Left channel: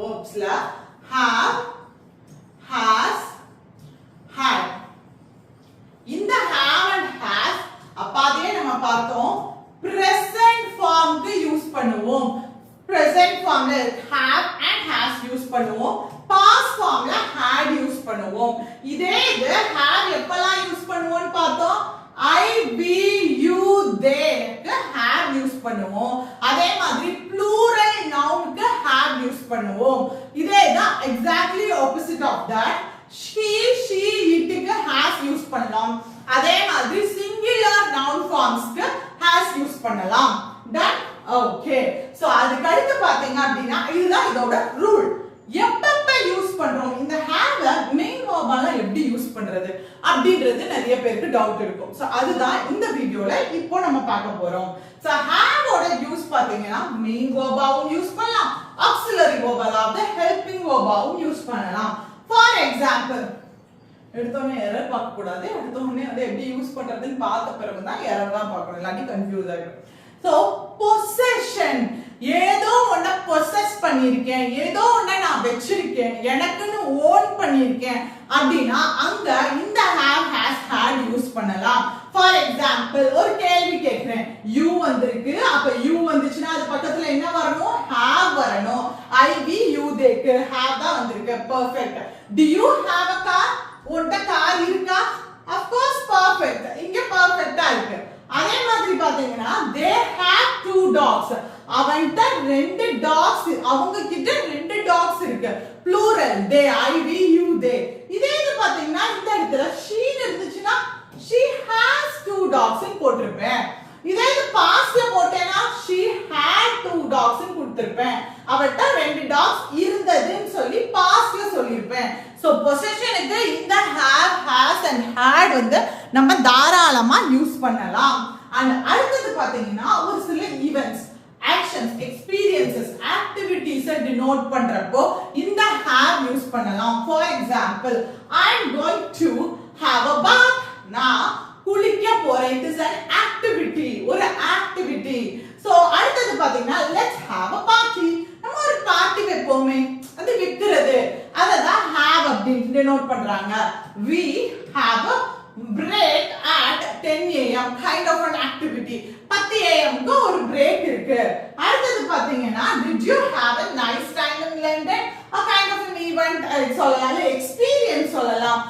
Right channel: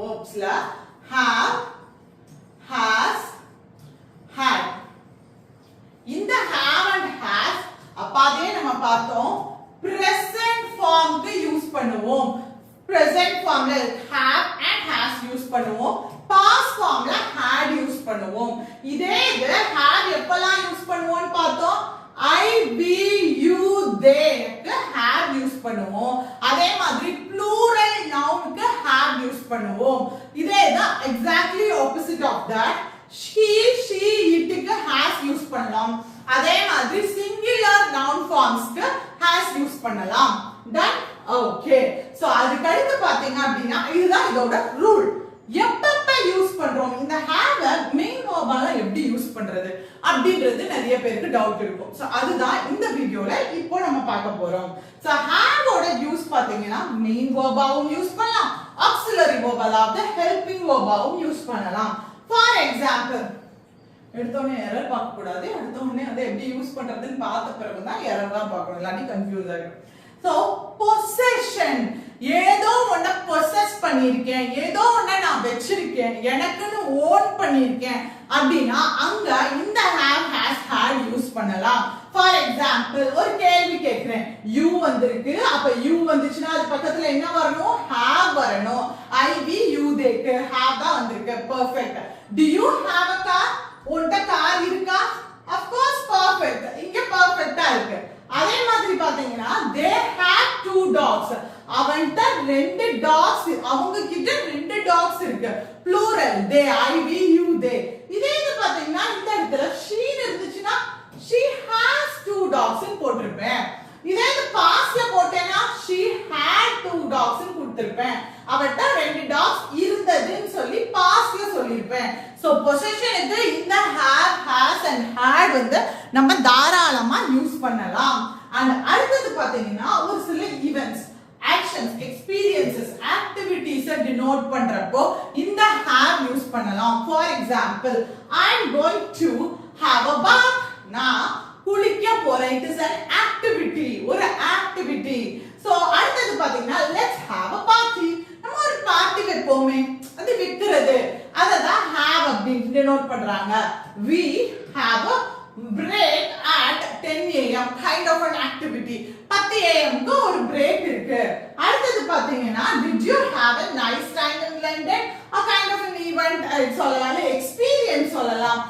verbsல have, has, had. இந்த have and has அப்பாதே நம்ம பார்த்தோம் present formக்கு யூஸ் பண்ணுவோம். present formல have and has use பண்ணுவோம். past formல had யூஸ் பண்ணுவோம். இதே இது have எப்பலாம் யூஸ் பண்ணுவோம்னு பார்த்தோம். I, we, you, they க்கு have யூஸ் பண்ணுவோம். அதே மாதிரி plural noun க்கு have யூஸ் பண்ணுவோம். இதே தான் exactly opposite of that. She, it க்கு has யூஸ் பண்ணலாம். அதே மாதிரி singular noun forms க்கு has யூஸ் பண்ணலாம். That okay. So அதுக்கு அடுத்து பாத்தீங்க அப்படினா இதுதான் இதோட ரூல். எப்பப்ப யூஸ் பண்றோம் இந்த have மெயின் verb-ஆல எப்படி யூஸ் பண்றது அப்படின்றது நிறைய பேருக்கு டவுட் இருக்கும். சோ அதுதான் இந்த வீடியோல இப்போ நம்ம பார்க்க போறோம். சோ have ஓட யூஸ் பாத்தீங்கன்னா மெயின் verb-ஆவும் யூஸ் பண்ணலாம், auxiliary verb அதாவது helping verb-ஆவும் யூஸ் பண்ணலாம். ஃபார் எக்ஸாம்பிள் எடுத்தோனே எரர் பார்க்க கூடாது. எடுத்தோனே அதை எப்படி யூஸ் பண்றதுன்னு பார்த்த பிறகு தான் எரர் தான் பார்க்கணும், இல்லாட்டி கன்ஃபியூஸ் ஆயிடும். சோ possession ஏதோ ஒன்ன possess பண்ணிருக்கேன், ஏதோ ஒன்ன நான் வெச்சிருக்கேன், எனக்குன்னு ஓன் பண்ணிருக்கேன் அப்படினா அங்க இந்த have, has, had யூஸ் பண்ணலாம். ஃபார் எக்ஸாம்பிள் ஒரு கேள்வி கேக்குறேன், you வந்திருக்கு, அப்ப you வந்துச்சுனா அது பக்கத்துல என்ன வரணும், have வரணும். I, we, you, they க்கு have தான் வந்திருக்கு. Perfect. Do you have a car? உன்ட கார் இருக்கா? of course perfect. இங்க பெர்ஃபெக்ட்டா இருக்கு. அதே மாதிரி பாத்தீங்கன்னா they have two dogs. அவன்ட்ட ரெண்டு டாக்ஸ், அவங்க கிட்ட ரெண்டு டாக்ஸ் இருக்கு. plural they, I, we, you, they. இதே இது பாத்தீங்கன்னா இந்த இடத்துல she இருந்துச்சுனா she has two dogs ன்னு போட்டுருப்பேன். இதே இது பாஸ்ட்ல போட்டேனா she had two dogs ன்னு கொடுத்திருப்பேன். அவட்ட ரெண்டு டாக்ஸ் இருந்ததுன்னு சொல்லி பாஸ்ட்ல சொல்லிருப்பேன். சோ பொசெஷனுக்கு இந்த have, has and had வந்து நம்ம தாராளமா யூஸ் பண்ணலாம். and அடுத்து பாத்தீங்கன்னா ஒரு சில events, actions, experiences, activities denote பண்றப்போ இந்த have யூஸ் பண்ணலாம். for example, I am going to have a bath. நான் குளிக்க போறேன். it is an activity, ஒரு activity. so அடுத்து பாத்தீங்கன்னா let's have a party. நம்ம ஒரு பார்ட்டி வைப்போமே, அது வைக்கிறது, அததான் have அப்படின்னு denote பண்றாங்க. we have a break at 10 am, kind of an activity. 10 am க்கு ஒரு break இருக்கு. அடுத்து பாத்தீங்கன்னா did you have a nice time in London? a kind of an event சொல்லலாம், experience சொல்லலாம்.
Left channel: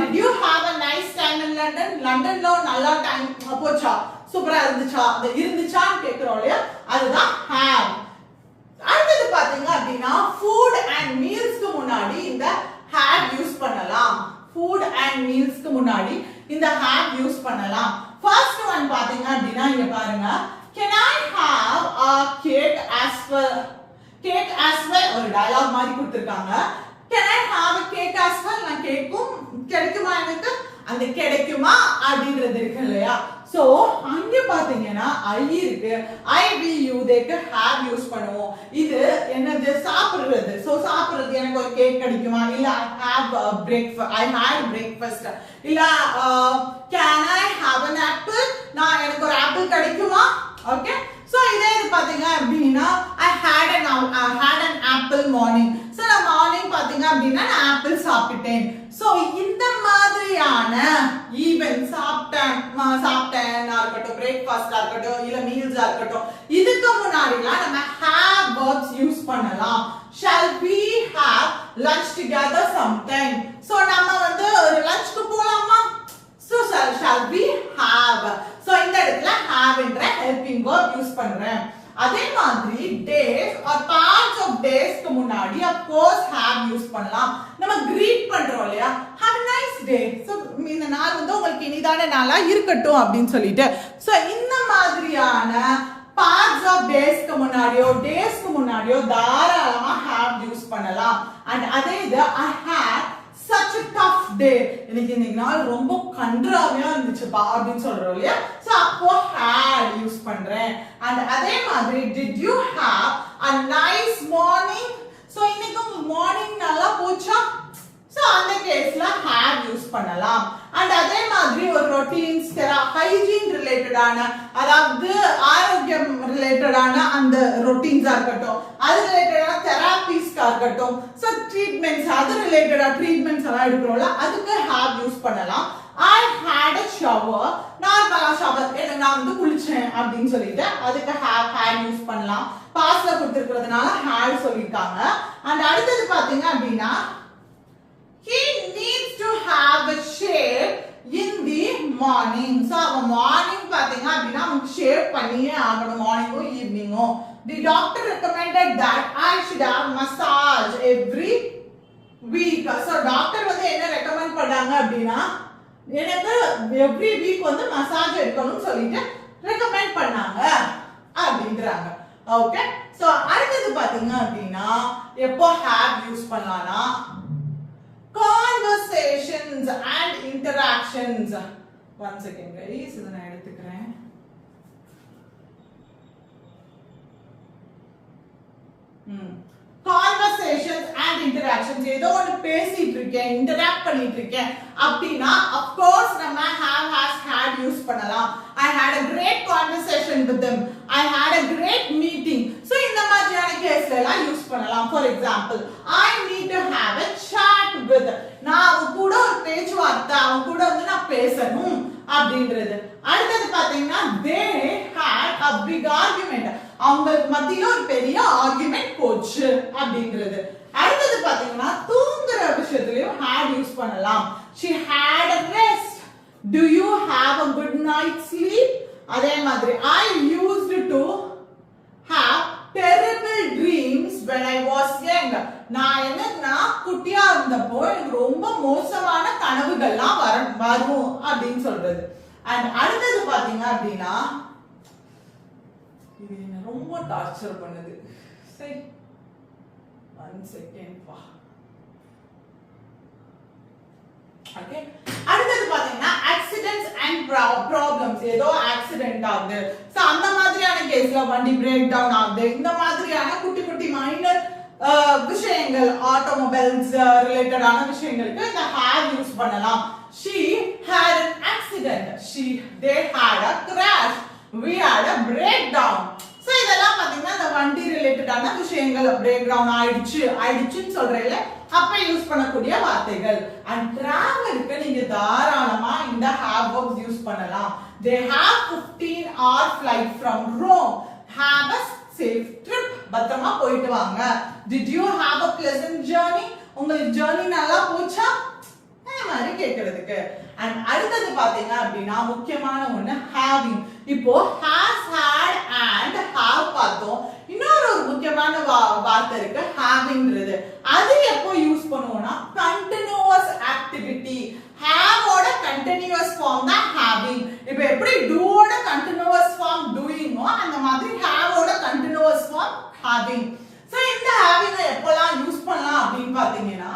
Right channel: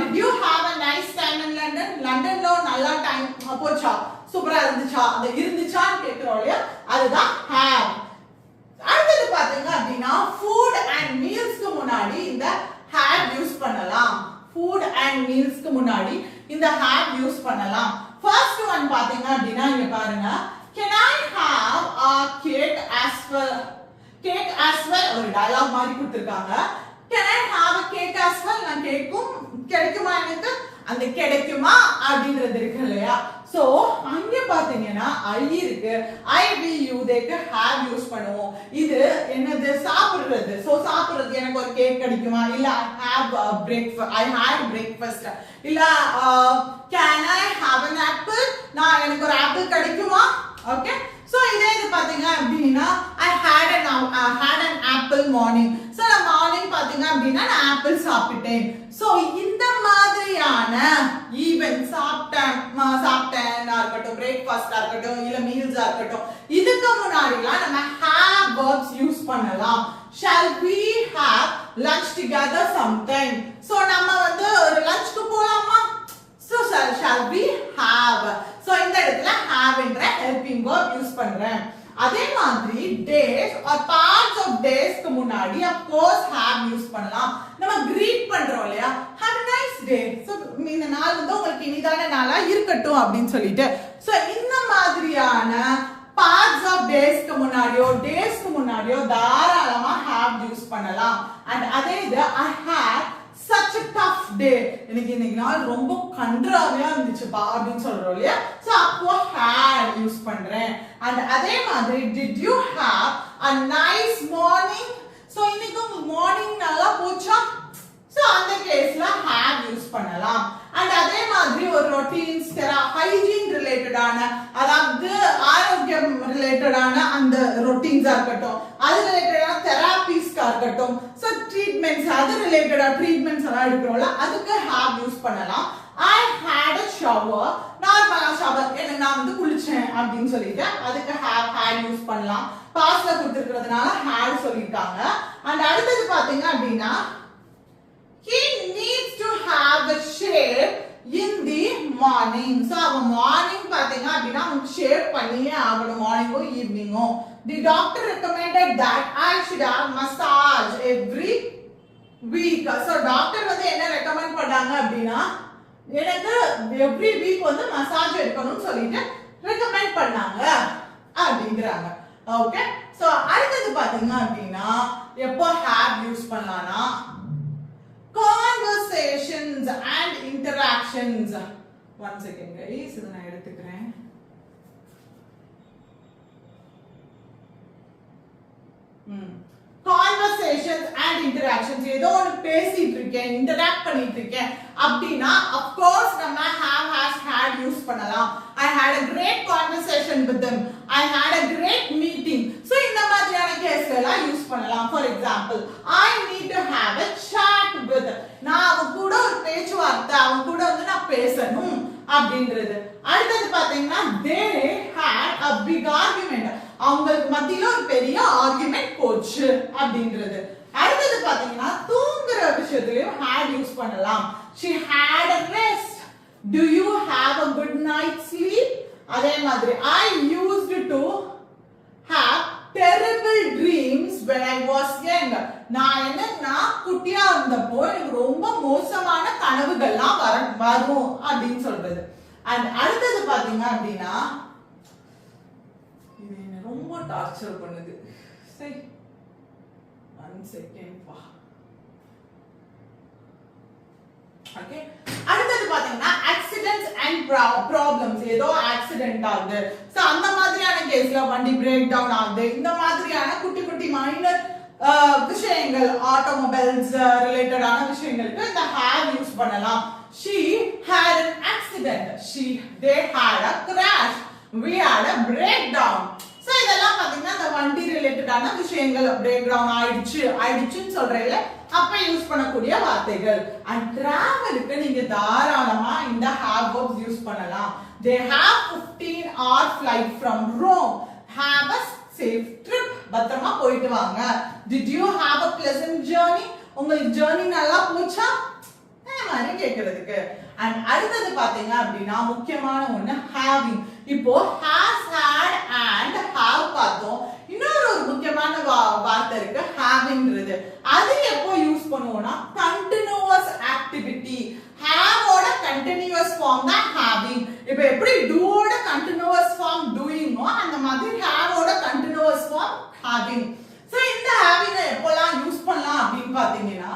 did you have a nice time in London? லண்டன்ல நல்ல time போச்சா, சூப்பரா இருந்துச்சா, அது இருந்துச்சான்னு கேக்குறோம் இல்லையா, அதுதான் have. அடுத்து பாத்தீங்க அப்படின்னா food and mealsக்கு முன்னாடி இந்த have யூஸ் பண்ணலாம். food and mealsக்கு முன்னாடி இந்த have யூஸ் பண்ணலாம். ஃபர்ஸ்ட் ஒன் பாத்தீங்க அப்படின்னா இங்க பாருங்க, can I have a cake as well? cake as well ஒரு டயலாக் மாதிரி கொடுத்திருக்காங்க. can I have a cake as well? நான் கேக்கும் கிடைக்குமா, எனக்கு அந்த கிடைக்குமா அப்படின்றது இருக்கு இல்லையா. சோ அங்க பாத்தீங்கன்னா I இருக்கு, I, we, you, they க்கு have யூஸ் பண்ணுவோம். இது என்னது, சாப்பிடுறது. சோ சாப்பிடுறது, எனக்கு ஒரு கேக் கிடைக்குமா, இல்ல I have breakfast, I had breakfast, இல்ல can I have an apple? நான் எனக்கு ஒரு ஆப்பிள் கிடைக்குமா. ஓகே, சோ இதே இது பாத்தீங்க அப்படின்னா I had an apple morning. So நான் மார்னிங் பாத்தீங்க அப்படின்னா நான் ஆப்பிள் சாப்பிட்டேன். சோ இந்த மாதிரியான ஈவென்ட் சாப்பிட்டேனா இருக்கட்டும், பிரேக்ஃபாஸ்டா இருக்கட்டும், இல்ல மீல்ஸா இருக்கட்டும், இதுக்கு முன்னாடிலாம் நம்ம have verbs யூஸ் பண்ணலாம். shall we have lunch together sometime? So நம்ம வந்து ஒரு லஞ்ச்க்கு போலாமா, so shall we have. so இந்த இடத்துல have என்ற helping verb யூஸ் பண்றேன். அதே மாதிரி days or parts of days க்கு முன்னாடி of course have யூஸ் பண்ணலாம். நம்ம greet பண்றோம் இல்லையா, have a nice day. so இந்த நாள் வந்து உங்களுக்கு இனிதான நாளா இருக்கட்டும் அப்படின்னு சொல்லிட்டு, so இந்த மாதிரியான parts of days க்கு முன்னாடியோ days க்கு முன்னாடியோ தாராளமா have யூஸ் பண்ணலாம். and அதே இது I had such a tough day. எனக்கு இந்த நாள் ரொம்ப கன்றாவியா இருந்துச்சுப்பா அப்படின்னு சொல்றோம் இல்லையா, சோ அப்போ had யூஸ் பண்றேன். and அதே மாதிரி did you have a nice morning? So இன்னைக்கு மார்னிங் நல்லா போச்சா, சோ அந்த கேஸ்ல have யூஸ் பண்ணலாம். and அதே மாதிரி ஒரு ரொட்டீன்ஸ், ஹைஜீன் ரிலேட்டடான, அதாவது ஆரோக்கியம் ரிலேட்டடான அந்த ரொட்டீன்ஸா இருக்கட்டும், அது ரிலேட்டடான தெராபிஸ்க்கு டெஸ்டா இருக்கட்டும், சோ ட்ரீட்மெண்ட்ஸ் அது ரிலேட்டடா ட்ரீட்மெண்ட்ஸ் எல்லாம் எடுக்கிறோம்ல, அதுக்கு have யூஸ் பண்ணலாம். I had a shower. நார்மலா ஷவர் எனக்கு நான் வந்து குளிச்சேன் அப்படின்னு சொல்லிட்டு அதுக்கு have had யூஸ் பண்ணலாம். பாஸ்ட்ல கொடுத்திருக்கிறதுனால had சொல்லிருக்காங்க. அண்ட் அடுத்தது பாத்தீங்க அப்படின்னா he needs to have a shave in the morning. So அவன் மார்னிங் பாத்தீங்க அப்படின்னா அவனுக்கு ஷேவ் பண்ணியே ஆகணும், மார்னிங்கோ ஈவினிங்கோ. The doctor recommended that I should have massage every week. So doctor வந்து என்ன ரெக்கமெண்ட் பண்றாங்க அப்படின்னா எனக்கு எவ்ரி வீக் வந்து மசாஜ் எடுக்கணும்னு சொல்லிட்டு ரெக்கமெண்ட் பண்ணாங்க அப்படின்றாங்க. ஓகே, சோ அடுத்தது பாத்தீங்க அப்படின்னா எப்போ have யூஸ் பண்ணலாம்னா conversations and interactions. One second guys, இத நான் எடுத்துக்கிறேன். Conversations and interactions, ஏதோ ஒரு பேசிட்டு இருக்கேன், இன்டராக்ட் பண்ணிட்டு இருக்கேன் அப்படினா of course நம்ம have has had யூஸ் பண்ணலாம். I had a great conversation with them, I had a great meeting. So இந்த மாதிரியான கேஸ்ல எல்லாம் யூஸ் பண்ணலாம். For example, I need to have a chat with, நான் அவன் கூட ஒரு பேச்சுவார்த்தை, அவன் கூட வந்து நான் பேசணும் அப்படின்றது. அடுத்தது பாத்தீங்கன்னா they had a big argument, அவங்களுக்கு மத்தியில ஒரு பெரிய ஆர்குமெண்ட் போச்சு அப்படின்றது. அடுத்தது பாத்தீங்கன்னா தூங்குற விஷயத்துலயும் had யூஸ் பண்ணலாம். She had a rest. Do you have a good night sleep? அதே மாதிரி I used to have terrible dreams when I was young. நான் குட்டியா இருந்தப்போ எனக்கு ரொம்ப மோசமான கனவுகள்லாம் வரும் அப்படின்னு சொல்றது. அண்ட் அடுத்தது பாத்தீங்க அப்படின்னா இது என்ன ரொம்ப டார்ச்சர் பண்ணுது. சரி, 1 செகண்ட் பா. ஓகே, அடுத்தது பாத்தீங்கன்னா ஆக்சிடென்ட்ஸ் அண்ட் ப்ராப்ளம்ஸ். ஏதோ ஆக்சிடென்ட் ஆகுது, சோ அந்த மாதிரியான கேஸ்ல வண்டி பிரேக் டவுன் ஆகுது, இந்த மாதிரியான குட்டி குட்டி மைனர் விஷயங்கள், ஆட்டோமொபைல்ஸ் ரிலேட்டடான விஷயங்களுக்கு இந்த have யூஸ் பண்ணலாம். She had an accident, they had a crash, we had a breakdown. So இதெல்லாம் பாத்தீங்கன்னா இந்த வண்டி ரிலேட்டடான விஷயங்கள், பிரேக் டவுன் ஆயிடுச்சுன்னு சொல்றேன்ல, அப்ப யூஸ் பண்ணக்கூடிய வார்த்தைகள். அண்ட் டிராவலுக்கு நீங்க தாராளமா இந்த have verbs யூஸ் பண்ணலாம். They have 15-hour flight from Rome. Have a safe trip. பத்திரமா போயிட்டு வாங்க. Did you have a pleasant journey? உங்களுக்கு ஜர்னி நல்லா போச்சா? மாதிரி கேக்குறதுக்கு. அண்ட் அடுத்தது பாத்தீங்க அப்படின்னா முக்கியமான ஒண்ணு having. இப்போ has, had and have பார்த்தோம். இன்னொரு முக்கியமான வார்த்தை இருக்கு havingன்றது. அது எப்போ யூஸ் பண்ணுவோம்னா continuous activity. have ஓட continuous form தான் having. இப்போ எப்படி do ஓட continuous form doing-ஓ அந்த மாதிரி have ஓட continuous form having. சோ இந்த having எப்போலாம் யூஸ் பண்ணலாம் அப்படின்னு பாத்தீங்கன்னா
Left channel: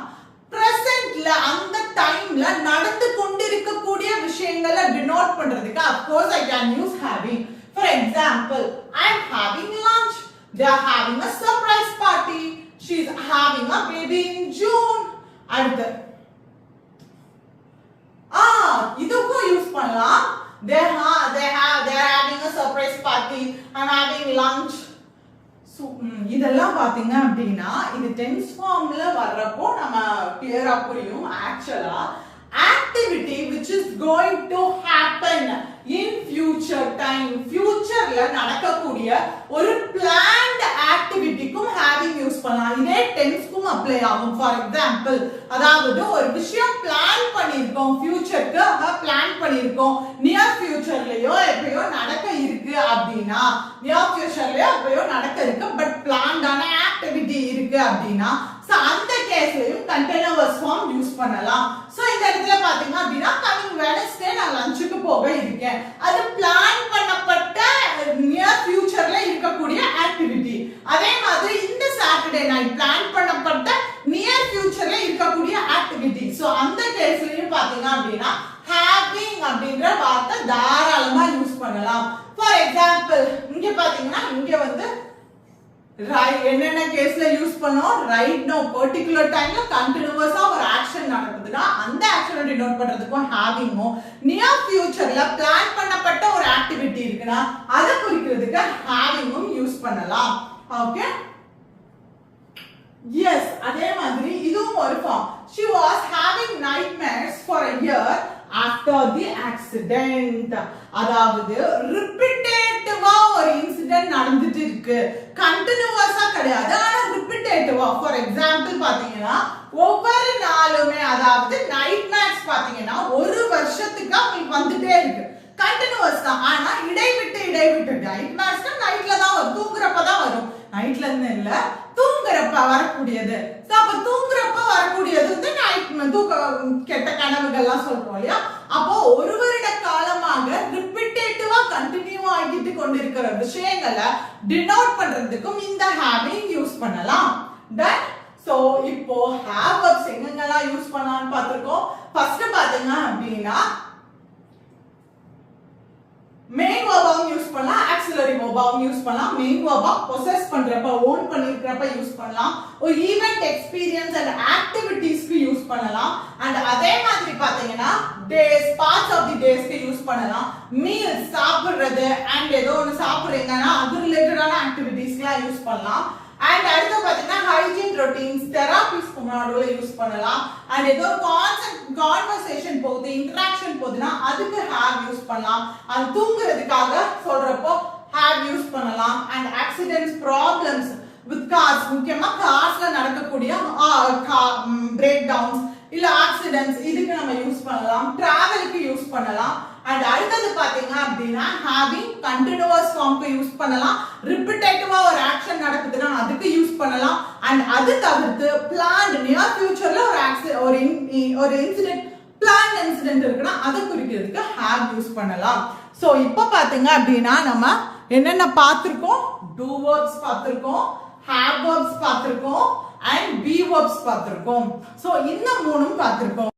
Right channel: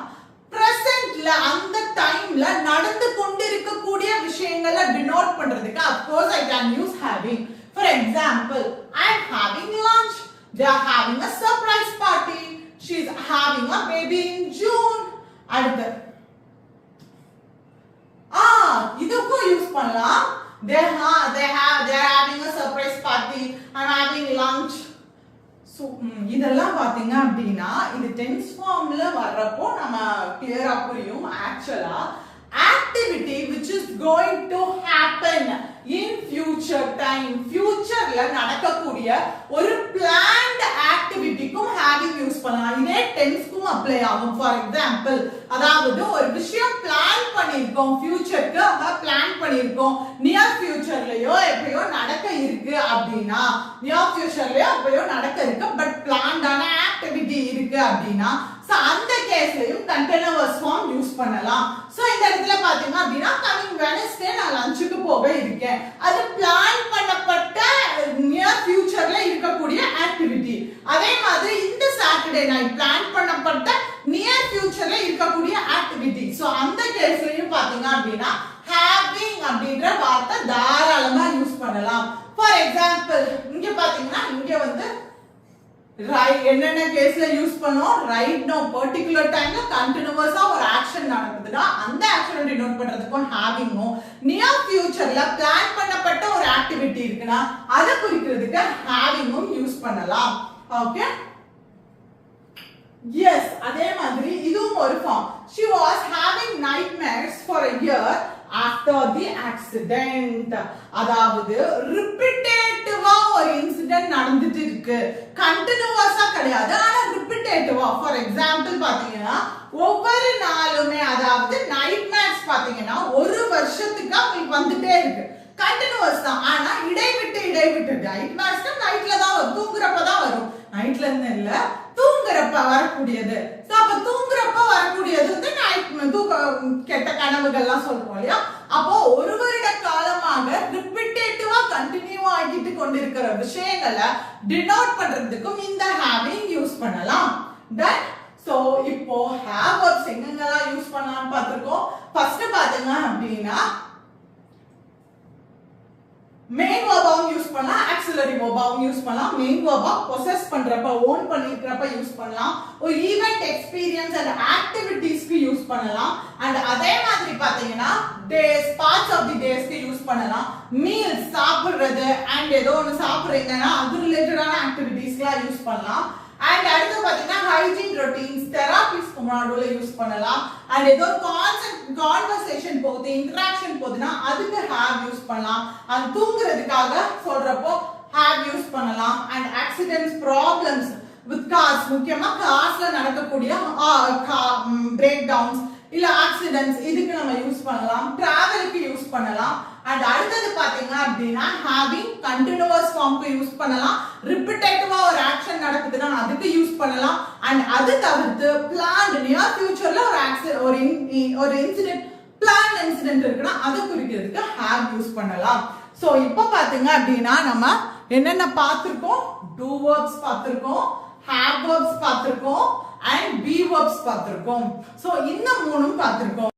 presentல அந்த டைம்ல நடந்து கொண்டிருக்கக்கூடிய விஷயங்களை denote பண்றதுக்கு of course I can use having. For example, I am having lunch, they are having a surprise party, she is having a baby in June. அடுத்து இதுக்கும் யூஸ் பண்ணலாம். they are having a surprise party, I am having lunch. இதெல்லாம் பாத்தீங்க அப்படின்னா இது tense ஃபார்ம்ல வர்றப்போ நம்ம கிளியரா புரியும். ஆக்சுவலா activity which is going to happen in future time, futureல நடக்கக்கூடிய ஒரு planned activityக்கும் having யூஸ் பண்ணலாம். இதே டென்ஸ்க்கும் அப்ளை ஆகும். ஃபார் எக்ஸாம்பிள், அதாவது ஒரு விஷயம் பிளான் பண்ணிருக்கோம், ஃபியூச்சருக்கு பிளான் பண்ணிருக்கோம், நியர் ஃபியூச்சர்லயோ எப்பயோ நடக்க இருக்கு அப்படின்னா, நியர் ஃபியூச்சர்லயோ எப்பயோ நடக்க இருக்கு பட் பிளான்டான ஆக்டிவிட்டி இருக்கு அப்படின்னா அந்த கேஸ்லயும் கண்டினியூஸ் ஃபார்ம் யூஸ் பண்ணலாம். சோ இந்த இடத்துல பாத்தீங்க அப்படின்னா கமிங் வெட்னஸ்டே நான் லஞ்சுக்கு போக இருக்கேன், அது பிளான் பண்ணப்பட்ட நியர் ஃபியூச்சர்ல இருக்கக்கூடிய ஆக்டிவிட்டி. அதே மாதிரி இந்த சாட்டர்டே நைட் பிளான் பண்ணப்பட்ட நியர் ஃபியூச்சர்ல இருக்கக்கூடிய ஆக்டிவிட்டி. சோ அந்த கேஸ்லயும் பாத்தீங்க அப்படின்னா having அப்படின்ற வார்த்தை தாராளமா யூஸ் பண்ணலாம். ஃபார் எக்ஸாம்பிள், இங்க பாத்தீங்கன்னா இங்க வந்து என்னென்ன கேஸ்ல யூஸ் பண்ணோம், ரைட் நோ பர்టిక్యులர் டைம்ல கண்டினியூஸா ஒரு ஆக்ஷன் நடக்குதுன்னா அந்த ஆக்ஷனை டினோட் பண்றதுக்கும் ஹேவிங்கும், நியர் ஃபியூச்சர்ல பிளான் பண்ணப்பட்ட ஒரு ஆக்டிவிட்டி இருக்குன்னா அதை குறிக்கிறதுக்கு ஹேவிங்கும் யூஸ் பண்ணலாம். ஓகே, எஸ் அதே மாதிரி இதுவும் ஒரு form. she was having nightmares for a year after the accident. அதாவது ரிப்பீட்டேட்டிவா ஒரு இன்சிடென்ட் நடந்துட்டு இருக்கு, கண்டினியூவஸா கிடையாது, ஆனா ரிப்பீட்டேட்டிவா. ஃபார் எக்ஸாம்பிள் பாத்தீங்கன்னா ஒவ்வொரு நாளுமே, அதாவது நைட்மேர்ஸ் பாத்தீங்கன்னா ஒரு வருஷத்துக்கு அவங்களுக்கு வந்துட்டே இருக்கு, கண்டினியூவஸ் தான், ஆனா இடைவிட்டு நைட்மேர்ஸ் நைட்ல தான் வரும், தூங்குறப்ப தான் வரும், நைட்ல இருந்து இல்ல தூங்குறப்ப வரக்கூடியது. அப்ப தூங்குறப்ப வரக்கூடியது வந்து கெட்ட கனவுகள்லாம் சொல்றோம் இல்லையா. அப்போ ஒரு வருட காலமாக ரிப்பீட்டேட்டிவா கண்டினியூ ஆகிட்டு கொண்டிருக்கிற விஷயங்களை டினோட் பண்றதுக்கும் இந்த ஹேவிங் யூஸ் பண்ணலாம். தென் சோ இப்போ ஹேவ் வெர்ப்ஸ் எங்கெங்கெல்லாம் யூஸ் பண்ணலாம்னு பார்த்திருக்கோம். ஃபர்ஸ்ட் பாத்தீங்க அப்படின்னா மெயின் வெர்பாவும் யூஸ் பண்ணலாம், ஆக்சிலரி வெர்பாவும் யூஸ் பண்ணலாம். மெயின் வெர்பா பொசஸ் பண்றப்ப, ஓன் பண்ணிக்கிறப்ப யூஸ் பண்ணலாம். ஒரு ஈவென்ட் எக்ஸ்பீரியன்ஸ் அண்ட் ஆக்டிவிட்டீஸ்க்கு யூஸ் பண்ணலாம். அண்ட் அதே மாதிரி பாத்தீங்கன்னா டேஸ், பார்ட்ஸ் ஆஃப் தி டேஸ்க்கு யூஸ் பண்ணலாம். மீல்ஸ் சாப்பிடுறது அண்ட் ஏதோ ஒன்று சாப்பிடுறீங்கன்னா அது ரிலேட்டடான ஆக்டிவிட்டீஸ்க்குலாம் யூஸ் பண்ணலாம். அண்ட் அடுத்து பாத்தீங்கன்னா ஹைஜீன் ரொட்டீன்ஸ், தெரபிஸ்க்கு முன்னாடி யூஸ் பண்ணலாம். அண்ட் ஏதோ கான்வர்சேஷன் போகுது, இன்டராக்ஷன் போகுதுன்னா அதுக்கு ஹேவ் யூஸ் பண்ணலாம். அது தூங்குறதுக்காக சொல்றப்போ ஹேவ் யூஸ் பண்ணலாம். And accidents, problems with cars, முக்கியமா கார்ஸ்ல நடக்கக்கூடிய பிரேக் டவுன்ஸ் இல்ல ஆக்சிடென்ட்ஸ், இதுக்கு நம்ம யூஸ் பண்ணலாம். டிராவலுக்கு யூஸ் பண்ணலாம். அண்ட் அடுத்தது பாத்தீங்க அப்படின்னா ஹேவிங் கண்டினியூவஸ் ஃபார்ம்க்கு யூஸ் பண்ணலாம். ரிப்பீட்டேட்டிவா ஒரு ஆக்ஷன் நடக்குதுன்னா அதுக்கு யூஸ் பண்ணலாம். அண்ட் அது தவிர்த்து பிளான்ட் நியர் ஃபியூச்சர்ல ஒரு இன்சிடென்ட், பிளான் இன்சிடென்ட் இருக்குன்னா அதை குறிக்கிறதுக்கு ஹேவ் யூஸ் பண்ணலாம். சோ இப்போ பாத்தீங்க அப்படின்னா நம்ம என்னென்ன பார்த்திருக்கோம், டூ வெர்ப்ஸ் பார்த்திருக்கோம், ஹேவ் வெர்ப்ஸ் பார்த்திருக்கோம், அண்ட் பி வெர்ப்ஸ் பார்த்திருக்கோம். சோ இந்த மூணும் பார்த்திருக்கோம்.